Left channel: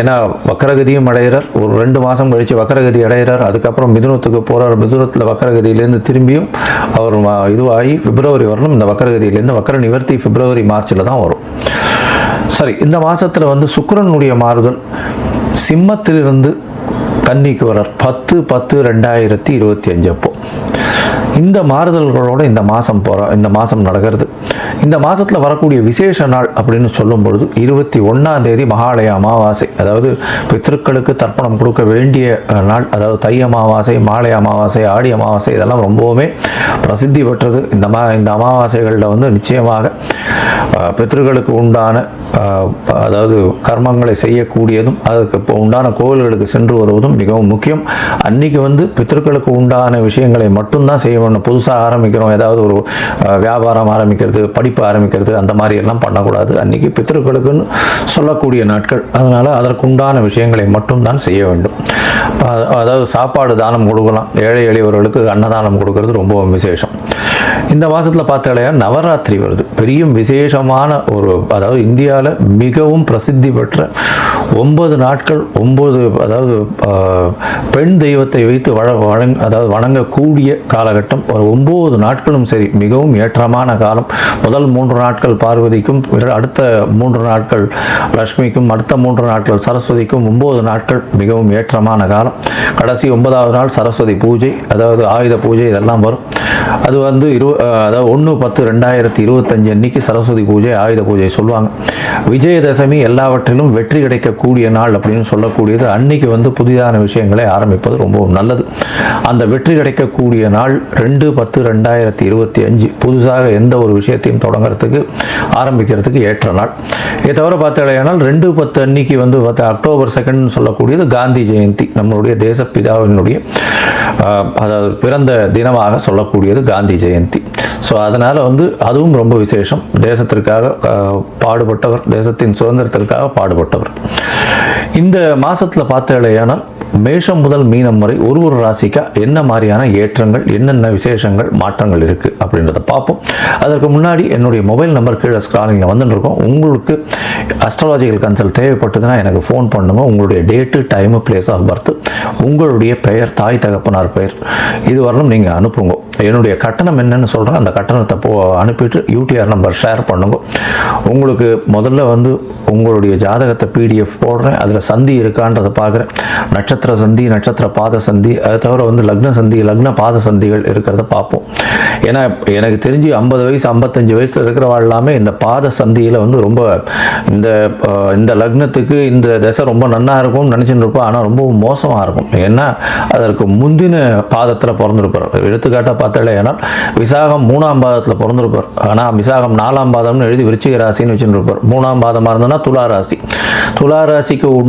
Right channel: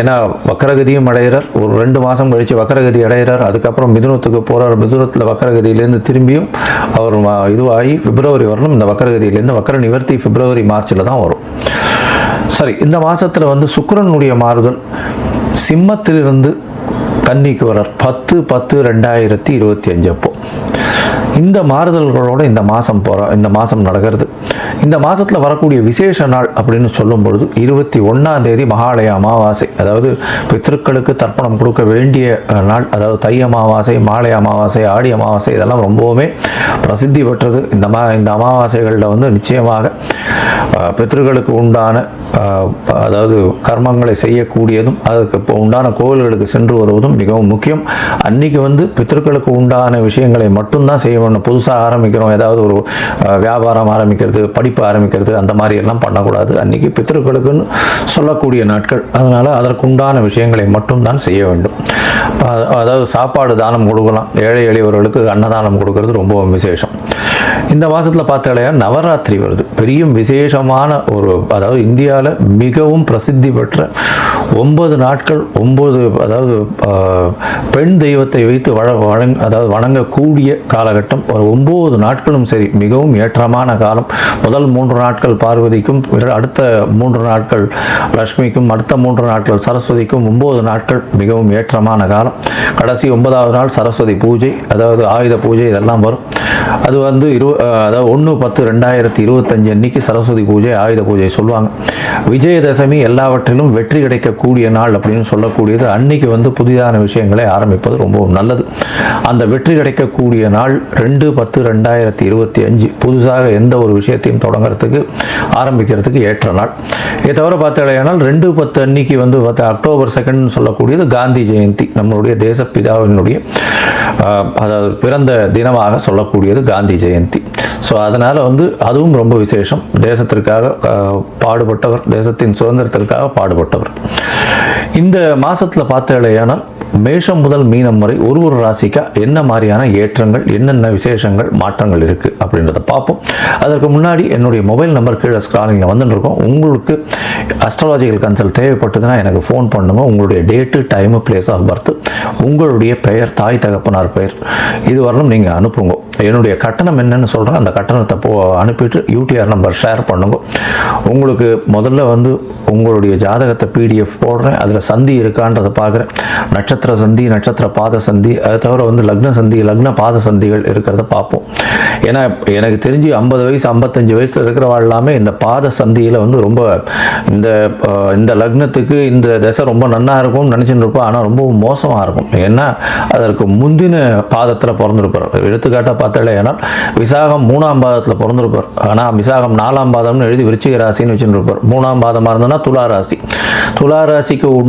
ஏன்னா வக்கரகதியும் அடைகிறார். ஒரு ரெண்டு மாதம் கழித்து வக்கரகதி அடைகிறார். அதுக்கப்புறம் மிதுனத்துக்கு போகிறார் மிதுனத்தில் வக்கரகதியிலேருந்து திரும்பியும் அவர் இதுவாகி பிப்ரவரி வரணும். இந்த வக்கரகதியிலேருந்து வக்கர நிவர்த்தி பிப்ரவரி மார்ச்சில் தான் வரும். சரி இந்த மாதத்தில் வந்து சுக்கரனுடைய மாறுதல் சிம்மத்திலிருந்து கன்னிக்கு வரார் பத்து பத்து ரெண்டாயிரத்தி இருபத்தி அஞ்சு அப்போ. இந்த மாறுதல்களோடு இந்த மாதம் போகிற இந்த மாதம் நடக்கிறது. இந்த மாதத்தில் வரக்கூடிய விசேஷ நாள் அப்படின்னு சொல்லும் பொழுது இருபத்தி ஒன்றாம் தேதி மகாலய அமாவாசை. அதாவது பித்திருக்களுக்கு தர்ப்பணம் கொடுக்க வேண்டிய நாள். அதாவது தை அமாவாசை மாலை அமாவாசை ஆடி அமாவாசை இதெல்லாம் ரொம்பவுமே பிரசித்தி பெற்றது. இந்த மா இந்த அமாவாசைகளில் வந்து நிச்சயமாக அஹ், பித்ருக்களுக்கு உண்டான அதாவது கர்மங்களை செய்யக்கூடியதும் அதுக்கு இப்போ உண்டான கோவில்களுக்கு சென்று வருவதும் மிகவும் முக்கியம். அன்னைக்கு வந்து பித்தர்களுக்கு உண்டான விஷயங்களை மட்டும்தான் செய்ய புதுசாக ஆரம்பிக்கிறோம். ஏதாவது ஒரு வியாபாரம் ஆரம்பிக்கிறது படிப்பு ஆரம்பிக்கிறது அந்த மாதிரி எல்லாம் பண்ணக்கூடாது. அன்னைக்கு பித்தர்களுக்குன்னு சொல்லக்கூடிய நாட்கள். அதனால் அதற்குண்டான விஷயங்களை மட்டும்தான் செய்ய வேண்டும். அதாவது சாப்பாடு தானம் கொடுக்கலாம். ஏழை எளியவர்களுக்கு அன்னதானம் கொடுக்கறது ரொம்பவும் விசேஷம். இந்த மாதத்தில் பார்த்தாலையா நவராத்திரி வருது. பெரிய விசேஷமான ஒரு அதாவது இந்தியாவில் மிகவும் பிரசித்தி பெற்ற ஒன்பது நாட்கள் ஒன்பது அதாவது பெண் தெய்வத்தை வைத்து வழ வழங் அதாவது வணங்கக்கூடிய காலகட்டம். ஒரு ஒம்பது நாட்களும் சரி மிகவும் ஏற்றமான காலம். முதல் மூன்று நாட்கள் பார்வதிக்கும் பிற- அடுத்த மூன்று நாட்கள் லக்ஷ்மிக்கும் அடுத்த மூன்று நாட்கள் சரஸ்வதிக்கும் ஒம்பது நாட்கள் மிகவும் ஏற்றமான காலம். கடைசி ஒன்பதாவது நாள் சரஸ்வதி பூஜை அதாவது ஆயுத பூஜை இதெல்லாம் வரும். அது வந்து இரு அதாவது ஒன்று பத்து ரெண்டாயிரத்தி இருபத்தஞ்சு அன்னைக்கு சரஸ்வதி பூஜை ஆயுத பூஜை சொல்லுவாங்க. விஜயதசமி எல்லாவற்றிலும் வெற்றி கிடைக்கக்கூடிய நாள் அப்படின்னு சொல்லக்கூடியது. அன்னைக்கு வந்து புதிதாக புதிதான விஷயங்களை ஆரம்பிப்பது ரொம்பவும் நல்லது. அந்த வெற்றி கிடைக்கக்கூடிய நாள் ரெண்டு பத்து ரெண்டாயிரத்தி இருபத்தி அஞ்சு. புதுசாக எந்த ஒரு விஷயத்தையும் தொடங்குறதுக்கு ஆரம்பிக்கிறதுக்கு ஏற்ற நாள். இதை தவிர பார்த்தாலேயானால் ரெண்டு பத்து அன்னைக்கு வந்து பார்த்தா அக்டோபர் செகண்ட்னு சொல்லக்கூடியது காந்தி ஜெயந்தி. நம்மளுடைய தேசப்பிதாவினுடைய அதாவது பிறந்த தினமாக சொல்லக்கூடியது காந்தி ஜெயந்தி. ஸோ அதனால் வந்து அதுவும் ரொம்ப விசேஷம். தேசத்திற்காக பாடுபட்டவர் தேசத்தின் சுதந்திரத்திற்காக பாடுபட்டவர். இந்த மாதத்தில் பார்த்தாலேயானால் மேஷம் முதல் மீனம் வரை ஒரு ஒரு ராசிக்கா என்ன மாதிரியான ஏற்றங்கள் என்னென்ன விசேஷங்கள் மாற்றங்கள் இருக்குது அப்படின்றத பார்ப்போம். அதற்கு முன்னாடி என்னுடைய மொபைல் நம்பர் கீழே ஸ்க்ராலிங்கில் வந்துட்டு இருக்கோம் உங்களுக்கு அஸ்ட்ராலஜிக்கல் கன்சல்ட் தேவைப்பட்டதுன்னா எனக்கு ஃபோன் பண்ணுங்க. உங்களுடைய date time place of birth உங்களுடைய பெயர் தாய் தகப்பனார் பெயர். இது வரலும் நீங்கள் அனுப்புங்க. என்னுடைய கட்டணம் என்னன்னு சொல்கிறேன் அந்த கட்டணத்தை போ அனுப்பிட்டு யூடிஆர் நம்பர் ஷேர் பண்ணுங்க. உங்களுக்கு முதல்ல வந்து உங்களுடைய ஜாதகத்தை பிடிஎஃப் போடுறேன். அதில் சந்தி இருக்கான்றதை பார்க்குறேன். நட்சத்திர சந்தி நட்சத்திர பாத சந்தி அதை தவிர வந்து லக்ன சந்தி லக்ன பாத சந்திகள் இருக்கிறத பார்ப்போம். ஏன்னா எனக்கு தெரிஞ்சு ஐம்பது வயசு ஐம்பத்தஞ்சு வயசு இருக்கிறவா எல்லாமே இந்த பாத சந்தியில் வந்து ரொம்ப இந்த இந்த லக்னத்துக்கு இந்த தசை ரொம்ப நன்னா இருக்கும்னு நினச்சிட்டு இருப்போம் ஆனால் ரொம்ப மோசமாக இருக்கும். ஏன்னா அதற்கு முந்தின பாதத்தில் பிறந்திருப்பார். எடுத்துக்காட்டாக பார்த்தாலே ஏன்னா விசாகம் மூணாம் பாதத்தில் பிறந்திருப்பார். ஆனால் விசாகம் நாலாம் பாதம்னு எழுதி விருச்சிக ராசின்னு வச்சுருப்பார் மூணாம் பாதமாக இருந்ததுன்னா துலா ராசி. துலா ராசிக்கு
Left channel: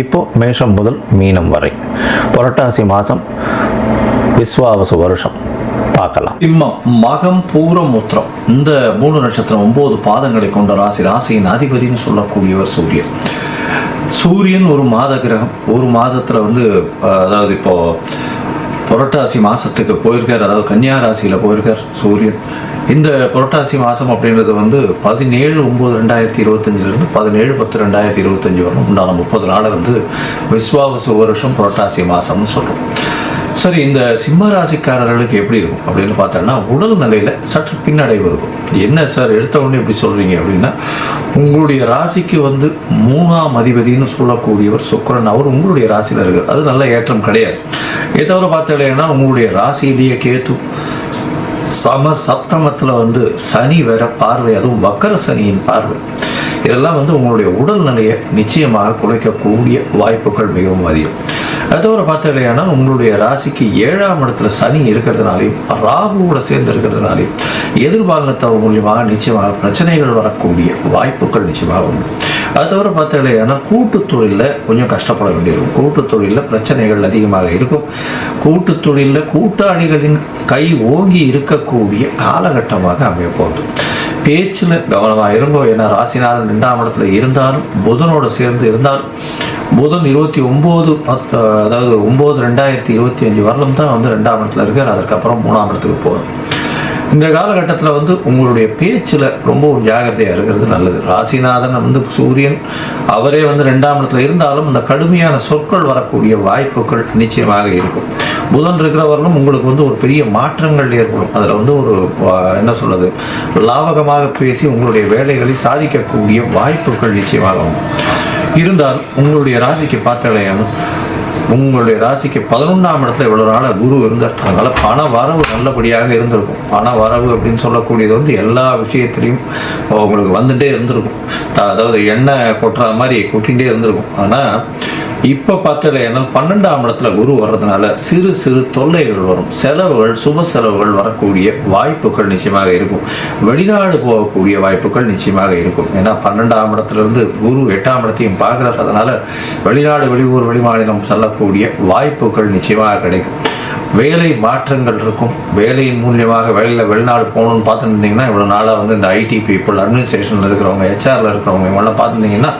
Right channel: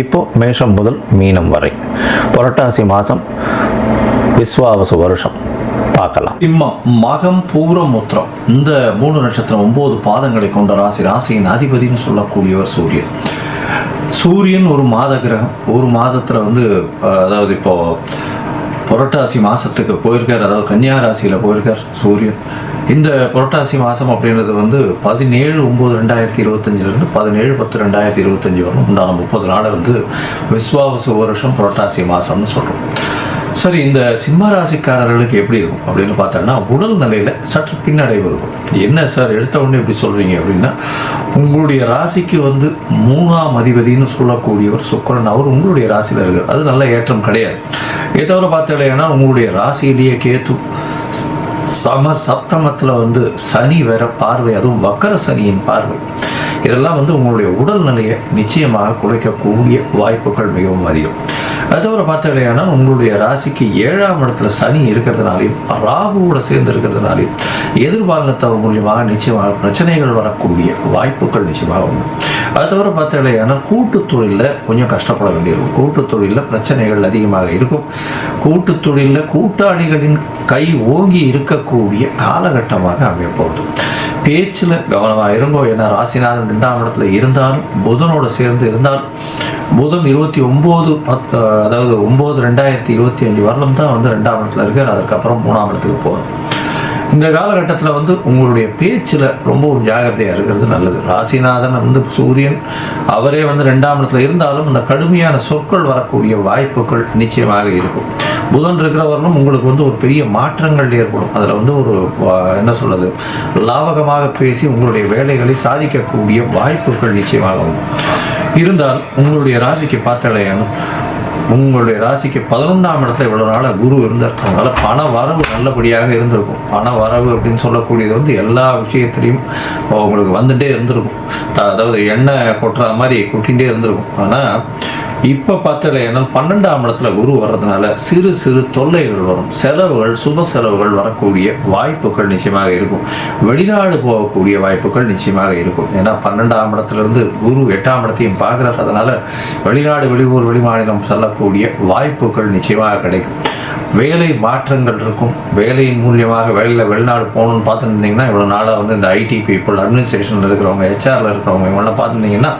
இப்போ மேஷம் முதல் மீனம் வரை. புரட்டாசி மாதம் விஸ்வாவச வருஷம். பார்க்கலாம். சிம்மம் மகம் பூரம் மூத்திரம். இந்த மூணு நட்சத்திரம் ஒன்பது பாதங்களை கொண்ட ராசி ராசியின் அதிபதினு சொல்லக்கூடியவர் சூரியன். சூரியன் ஒரு மாத கிரகம். ஒரு மாதத்துல வந்து அதாவது இப்போ புரட்டாசி மாசத்துக்கு போயிருக்கார். அதாவது கன்னியா ராசியில போயிருக்கார் சூரியன். இந்த புரட்டாசி மாசம் அப்படின்றது வந்து பதினேழு ஒம்பது ரெண்டாயிரத்தி இருபத்தஞ்சிலிருந்து பதினேழு பத்து ரெண்டாயிரத்தி இருபத்தஞ்சி வரணும் உண்டான முப்பது நாளை வந்து விஸ்வாவச வருஷம் புரட்டாசி மாசம்னு சொல்கிறோம் சரி இந்த சிம்ம ராசிக்காரர்களுக்கு எப்படி இருக்கும் அப்படின்னு பார்த்தோம்னா உடல் நிலையில சற்று பின்னடைவு இருக்கும். என்ன சார் எடுத்த உடனே இப்படி சொல்றீங்க அப்படின்னா உங்களுடைய ராசிக்கு வந்து மூணாம் அதிபதினு சொல்லக்கூடியவர் சுக்கரன். அவர் உங்களுடைய ராசிக்காரர்கள். அது நல்ல ஏற்றம் கிடையாது. ஏற்றவரை தவிர உங்களுடைய ராசியிலேயே கேத்து சம சப்தமத்தில் வந்து சனி வேற பார்வை அதுவும் வக்கர சனியின் பார்வை. இதெல்லாம் வந்து உங்களுடைய உடல்நிலையை நிச்சயமாக குறைக்கக்கூடிய வாய்ப்புகள் மிகவும் அதிகம். அது தவிர பார்த்தீங்கன்னா உங்களுடைய ராசிக்கு ஏழாம் இடத்துல சனி இருக்கிறதுனாலையும் ராகுவோட சேர்ந்து இருக்கிறதுனாலையும் எதிர்பாலினத்தவர் மூலியமாக நிச்சயமாக பிரச்சனைகள் வரக்கூடிய வாய்ப்புகள் நிச்சயமாக உண்டு. அது தவிர பார்த்தீங்கன்னா கூட்டு தொழிலில் கொஞ்சம் கஷ்டப்பட வேண்டியிருக்கும். கூட்டு தொழிலில் பிரச்சனைகள் அதிகமாக இருக்கும். கூட்டு தொழிலில் கூட்டாளிகளின் கை ஓங்கி இருக்கக்கூடிய காலகட்டமாக அமையப்போகுது பேச்சில் கவனமாக இருங்கோ. ஏன்னா ராசிநாதன் ரெண்டாம் இடத்துல இருந்தார். புதனோட சேர்ந்து இருந்தால் புதன் இருபத்தி ஒம்பது பத் அதாவது ஒம்பது ரெண்டாயிரத்தி இருபத்தி அஞ்சு வருடம் தான் வந்து ரெண்டாம் இடத்துல இருக்கு அதுக்கப்புறம் மூணாம் இடத்துக்கு போகும் இந்த காலகட்டத்தில் வந்து உங்களுடைய பேச்சில் ரொம்பவும் ஜாகிரதையாக இருக்கிறது நல்லது. ராசிநாதன் வந்து சூரியன் அவரே வந்து ரெண்டாம் இடத்துல இருந்தாலும் அந்த கடுமையான சொற்கள் வரக்கூடிய வாய்ப்புகள் நிச்சயமாக இருக்கும். புதன் இருக்கிறவர்களும் உங்களுக்கு வந்து ஒரு பெரிய மாற்றங்கள் ஏற்படும். அதில் வந்து ஒரு என்ன சொல்றது? லாபகமாக பேசி உங்களுடைய வேலைகளை சாதிக்கக்கூடிய வாய்ப்புகள் நிச்சயமாக உண்டு. இருந்தால் உங்களுடைய ராசிக்கு பார்த்தாலே உங்களுடைய ராசிக்கு பதினொன்றாம் இடத்துல இவ்வளவு நாள குரு இருந்திருக்கனால பண வரவு நல்லபடியாக இருந்திருக்கும். பண வரவு அப்படின்னு சொல்லக்கூடியது வந்து எல்லா விஷயத்துலையும் உங்களுக்கு வந்துட்டே இருந்திருக்கும். அதாவது எண்ணெய் கொட்டுற மாதிரி கொட்டிகிட்டே இருந்திருக்கும். ஆனா இப்ப பார்த்தீங்கன்னா பன்னெண்டாம் இடத்துல குரு வர்றதுனால சிறு சிறு தொல்லைகள் வரும். செலவுகள் சுப செலவுகள் வரக்கூடிய வாய்ப்புகள் நிச்சயமாக இருக்கும். வெளிநாடு போகக்கூடிய வாய்ப்புகள் நிச்சயமாக இருக்கும். ஏன்னா பன்னெண்டாம் இடத்துல இருந்து குரு எட்டாம் இடத்தையும் பார்க்கறது அதனால வெளிநாடு வெளியூர் வெளிமாநிலம் வரக்கூடிய வாய்ப்புகள் நிச்சயமாக கிடைக்கும். வேலை மாற்றங்கள் இருக்கும். வேலையின் மூலியமாக வேலையில் வெளிநாடு போகணும்னு பார்த்துருந்தீங்கன்னா இவ்வளோ நாளாக வந்து இந்த ஐடி பீப்புள் அட்மினிஸ்ட்ரேஷனில் இருக்கிறவங்க ஹெச்ஆரில் இருக்கிறவங்க இவங்களாம் பார்த்துருந்தீங்கன்னா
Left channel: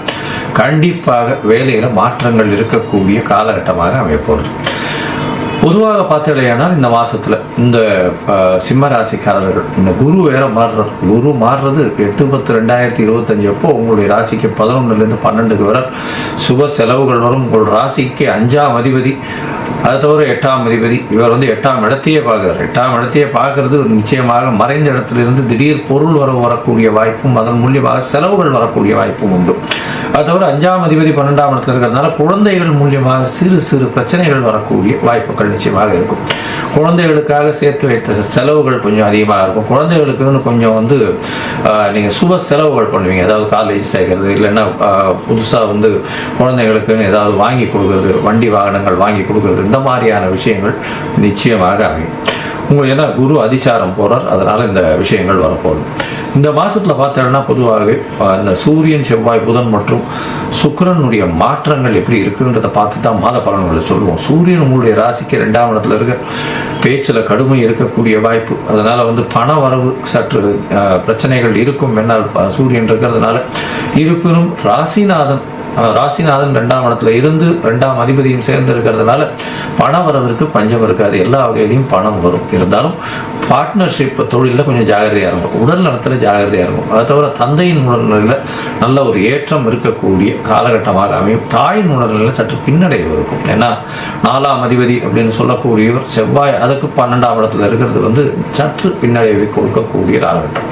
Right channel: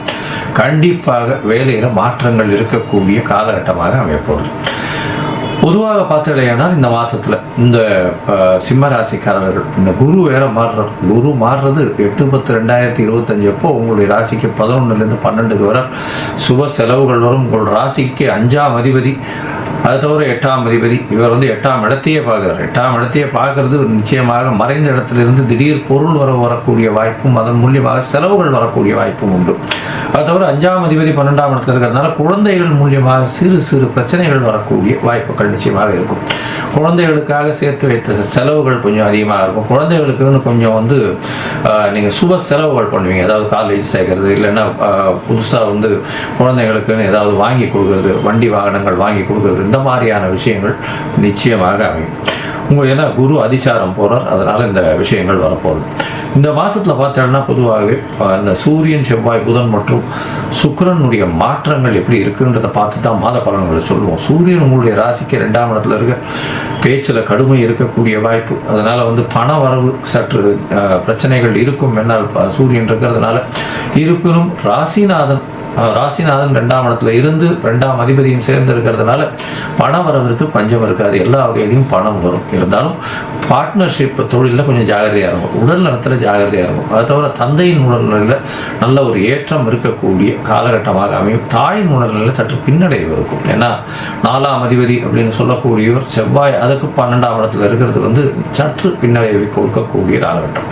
கண்டிப்பாக வேலையில் மாற்றங்கள் இருக்கக்கூடிய காலகட்டமாக அமைய போகிறது பொதுவாக பார்த்தீங்கன்னா இந்த மாசத்துல இந்த சிம்ம ராசிக்காரர்கள் இந்த குரு வேற மாறுறாரு. குரு மாறுறது எட்டு பத்து ரெண்டாயிரத்தி இருபத்தஞ்சு அப்போ உங்களுடைய ராசிக்கு பதினொன்றுலேருந்து பன்னெண்டுக்கு வரை சுப செலவுகள் வரும். உங்கள் ராசிக்கு அஞ்சாம் அதிபதி அது தவிர எட்டாம் அதிபதி. இவர் வந்து எட்டாம் இடத்தையே பார்க்குறாரு. எட்டாம் இடத்தையே பார்க்கறது நிச்சயமாக மறைந்த இடத்திலிருந்து திடீர் பொருள் வர வரக்கூடிய வாய்ப்பும் அதன் மூலியமாக செலவுகள் வரக்கூடிய வாய்ப்பும் உண்டு. அது தவிர அஞ்சாம் அதிபதி பன்னெண்டாம் இடத்துல இருக்கிறதுனால குழந்தைகள் மூலியமாக சிறு சிறு பிரச்சனைகள் வரக்கூடிய வாய்ப்புகள் நிச்சயமாக இருக்கும். குழந்தைகளுக்காக சேர்த்து வைத்த செலவுகள் கொஞ்சம் அதிகமாக இருக்கும். குழந்தைகளுக்குன்னு கொஞ்சம் வந்து ஆஹ், நீங்க சுப செலவுகள் பண்ணுவீங்க. அதாவது காலேஜ் சேர்க்கறது இல்லைன்னா புதுசாக புதுசா வந்து குழந்தைகளுக்குன்னு ஏதாவது வாங்கி கொடுக்கறது வண்டி வாகனங்கள் வாங்கி கொடுக்கறது இந்த மாதிரியான விஷயங்கள் நிச்சயமாக அமையும். உங்கள் ஏன்னா குரு அதிசாரம் போகிறார் அதனால இந்த விஷயங்கள் வரப்போகுது. இந்த மாசத்துல பார்த்தோம்னா பொதுவாகவே அந்த சூரியன் செவ்வாய் புதன் மற்றும் சுக்கரனுடைய மாற்றங்கள் எப்படி இருக்குன்றதை பார்த்து தான் மாத பலன்களை சொல்லுவோம். சூரியன் உங்களுடைய ராசிக்கு ரெண்டாம் இடத்துல இருக்க பேச்சில் கடுமை இருக்கக்கூடிய வாய்ப்பு. அதனால வந்து பண வரவு சற்று பிரச்சனைகள் இருக்கும். என்னால் சூரியன் இருக்கிறதுனால இருப்பினும் ராசிநாதன் ராசிநாதன் ரெண்டாம் இடத்துல இருந்து ரெண்டாம் அதிபதியும் சேர்ந்து இருக்கிறதுனால பணம் வரவருக்கு பஞ்சம் இருக்காது. எல்லா வகையிலையும் பணம் வரும். இருந்தாலும் பார்ட்னர்ஷிப் தொழிலில் கொஞ்சம் ஜாகிரதையாக இருக்கும். உடல் நலத்தில் ஜாகிரதையாக இருக்கும். அதை தவிர தந்தையின் உடல்நிலையில் நல்ல ஒரு ஏற்றம் இருக்கக்கூடிய காலகட்டமாக அமையும். தாயின் உடல்நிலையில் சற்று பின்னடைவு இருக்கும். ஏன்னா நாலாம் அதிபதி அப்படின்னு சொல்லக்கூடியவர் செவ்வாய் அதுக்கு பன்னெண்டாம் இடத்துல இருக்கிறது வந்து சற்று பின்னடைவை கொடுக்கக்கூடிய காலகட்டம்.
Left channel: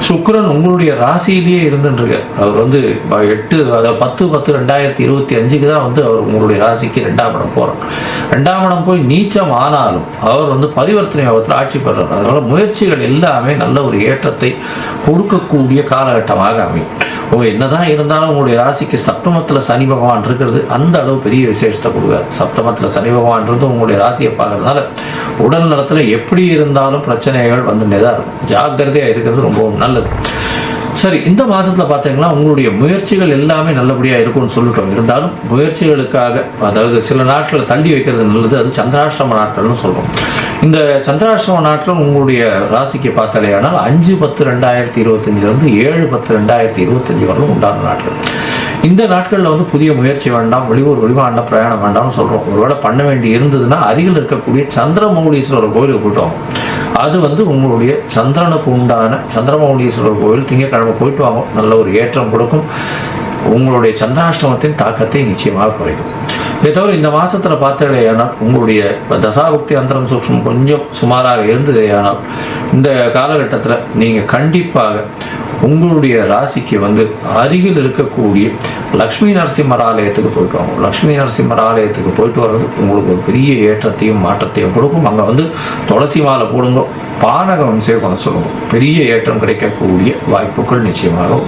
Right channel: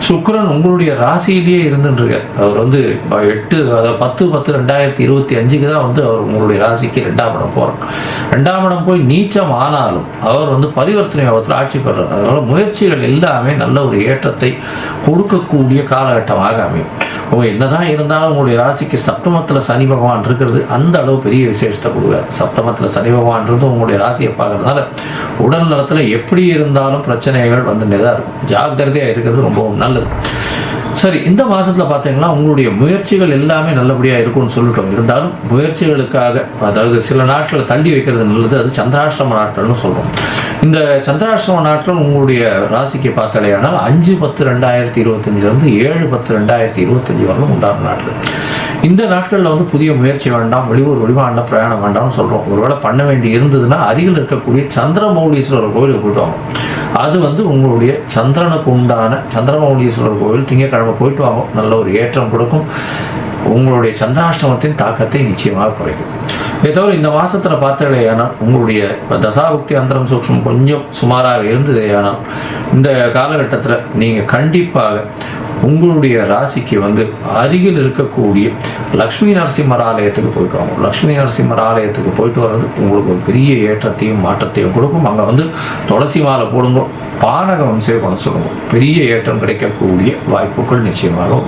சுக்கரன் உங்களுடைய ராசியிலேயே இருந்துருக்கார் அவர் வந்து எட்டு அதாவது பத்து பத்து ரெண்டாயிரத்தி இருபத்தி அஞ்சுக்கு தான் வந்து அவர் உங்களுடைய ராசிக்கு ரெண்டாம் இடம் போகிறார் ரெண்டாம் இடம் போய் நீச்சம் ஆனாலும் அவர் வந்து பரிவர்த்தனை யோகத்தில் ஆட்சி பெறார். அதனால முயற்சிகள் எல்லாமே நல்ல ஒரு ஏற்றத்தை கொடுக்கக்கூடிய காலகட்டமாக அமையும். ஓ என்னதான் இருந்தாலும் உங்களுடைய ராசிக்கு சப்தமத்தில் சனி பகவான் இருக்கிறது அந்த அளவு பெரிய விசேஷத்தை கொடுக்குறாரு. சப்தமத்தில் சனி பகவான்றது உங்களுடைய ராசியை பார்க்கறதுனால உடல் நலத்தில் எப்படி இருந்தாலும் பிரச்சனைகள் வந்துட்டே தான் இருக்கும். ஜாக்கிரதையாக இருக்கிறது ரொம்பவும் நல்லது. சரி இந்த மாதத்தில் பார்த்தீங்கன்னா உங்களுடைய முயற்சிகள் எல்லாமே நல்லபடியாக இருக்கும்னு சொல்லிட்டோம் இருந்தாலும் முயற்சிகளுக்காக அதாவது சில நாட்டில் தள்ளி வைக்கிறது நல்லது. அது சந்திராஷ்டம நாட்கள்னு சொல்கிறோம் இந்த சந்திராஷ்டம நாட்கள் உங்களுடைய ராசிக்கு பார்த்தாலேயானால் அஞ்சு பத்து ரெண்டாயிரத்தி இருபத்தஞ்சிலிருந்து ஏழு பத்து ரெண்டாயிரத்தி இருபத்தஞ்சு வரலும் உண்டான நாட்கள். இந்த நாட்களில் வந்து புதிய முயற்சி வேண்டாம் வெளியூர் வெளிநாட்டில் பிரயாணம் வேண்டாம்னு சொல்லுவோம் ஒருவேளை பண்ண வேண்டி இருந்ததுன்னா அருகில் இருக்கக்கூடிய சந்திரமௌலீஸ்வரர் கோயிலுக்கு போயிட்டு வாங்க அது வந்து உங்களுடைய சந்திரனுக்கு உண்டான சந்திரமௌலீஸ்வரர் கோயில் திங்கட்கிழமை போயிட்டு வாங்க. நல்ல ஒரு ஏற்றம் கொடுக்கும். உங்களுடைய சந்திராஷ்டமத்தின் தாக்கத்தை நிச்சயமாக குறைக்கும். தவிர இந்த மாசத்துல பார்த்தீங்கன்னா உங்களுடைய தசாபக்தி அந்தரம் சூக்ஷ்மம் கொஞ்சம் சுமாராக இருந்ததேயானால் இந்த காலகட்டத்தில் நீங்கள் கண்டிப்பாக உங்களுடைய ராசிக்கு வந்து அருகில் இருக்கக்கூடிய லக்ஷ்மி நரசிம்மர் ஆலயத்துக்கு போயிட்டு வாங்க லக்ஷ்மி நரசிம்மர் ஆலயத்துக்கு போயிட்டு வர்றது உங்களுக்கு ஒரு பெரிய ஏற்றத்தையும் மாற்றத்தையும் கொடுக்கும். அங்கே வந்து துளசி மாலை போடுங்க பானகம் சேவனம் சொல்லுவோம். பெரிய ஏற்றம் கிடைக்கக்கூடிய வாய்ப்புகள் நிச்சயமாக